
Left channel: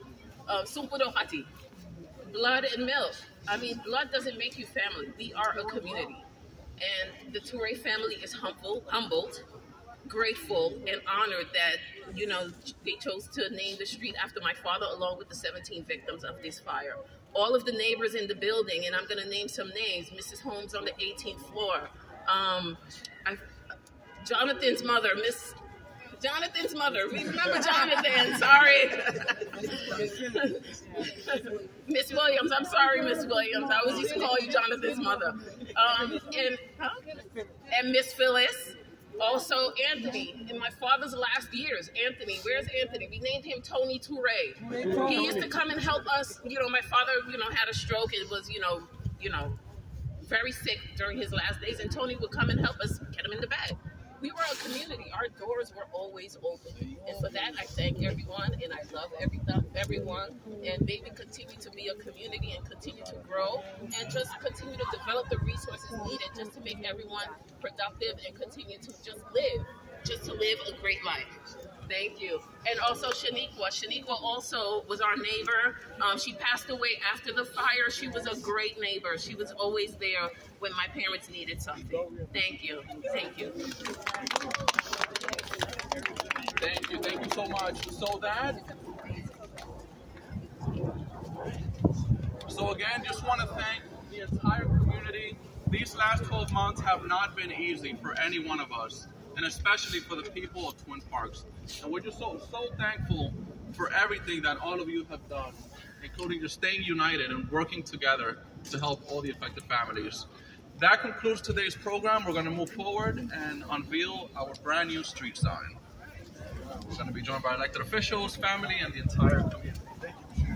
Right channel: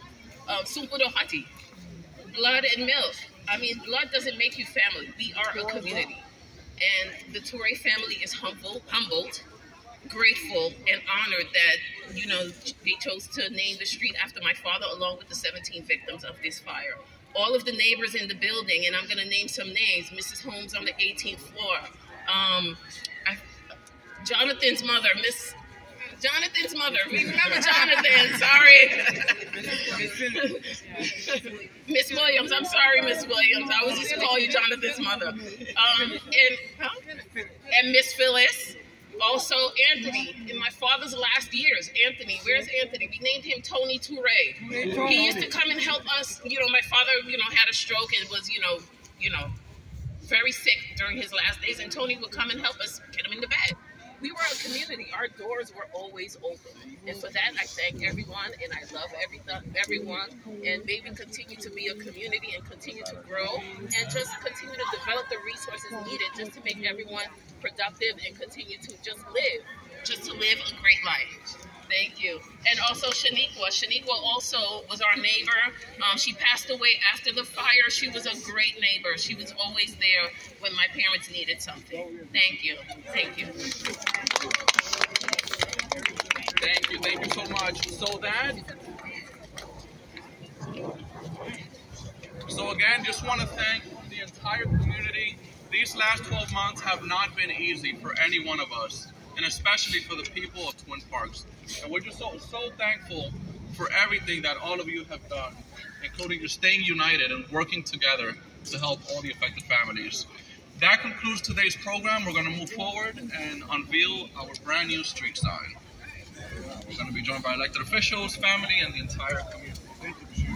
Sumpudo Hati, blood and milk. I mean, blood doesn't make you family. We are a community. And the Touray family is humbled, grateful, and honored that, they chose to name the street after my father, along with the 17 victims of this fire. All of the neighbors in the building, and I'm going to name some names. Mrs. Holmes on the 18th floor. Jonathan's mother, Jonathan's mother. We remember Jonathan. Sorry. Miss Williams. I'm sorry, Miss Williams. I was used to call you Jonathan's mother. And Miss Phyllis. Also, Anthony. In my father's last years, Anthony. Where's Anthony? We named him Tony Touray. He used to come and help us. My father, had a stroke and was, very sick during his last days. And Tony would come and help us get him in the bed. We were a community. Our doors were always open. And for that, I thank everyone, and I love everyone. And may we continue to be a community and continue to grow and just continue to develop the resources needed just to make everyone productive and continue to just live a great life. Thank you. And also Shaniqua. Shaniqua also was our neighbor. She passed away after the fire. She was a great neighbor. She was always there when my parents needed something. Thank you. Thank you. Thank you so much. So again, just want to thank the entire community. These last 12 months have not been easy for any one of us, and especially for the people of Twin Parks. And we're just so thankful for everything that all of you have done, including just staying united and working together to help all the affected families. That concludes today's program. We're going to move forward and unveil our brand new street sign. We're going to be joined by elected officials, family, and the entire community. Thank you.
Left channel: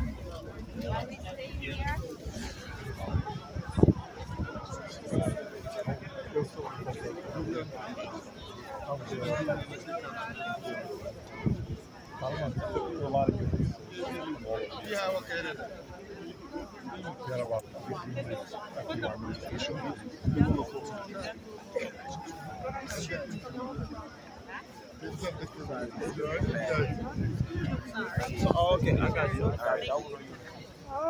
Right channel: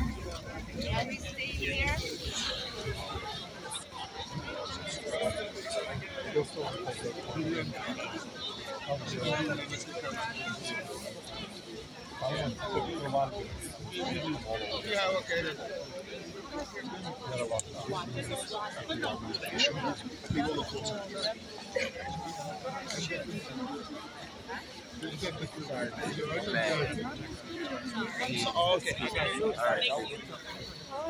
Okay, I got you. All right.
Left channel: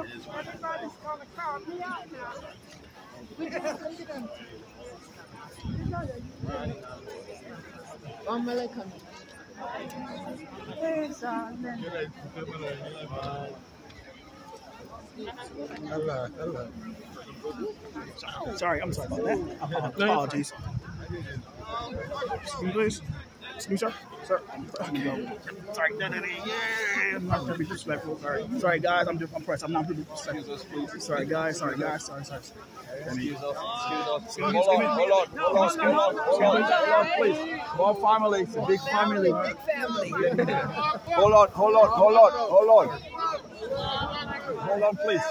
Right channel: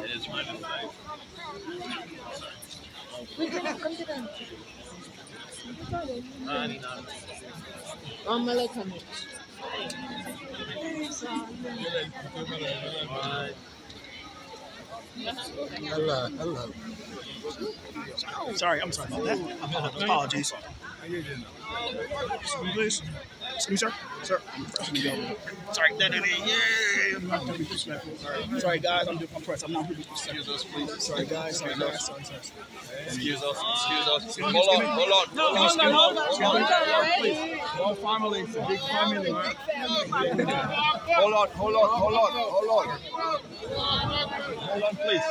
It is right. Sorry, I'm sorry about that. Apologies. Please. Excuse me, sir. Sir, I'm pressing you. Sorry. Yeah, I'm not going to be disrespectful. Sorry, guys. I'm pressed. I'm not going to be disrespectful. Excuse us, please. Sorry, guys. Sorry. Excuse us. Hold on. Please. Small family. It's a big family. Hold on. Hold on, please.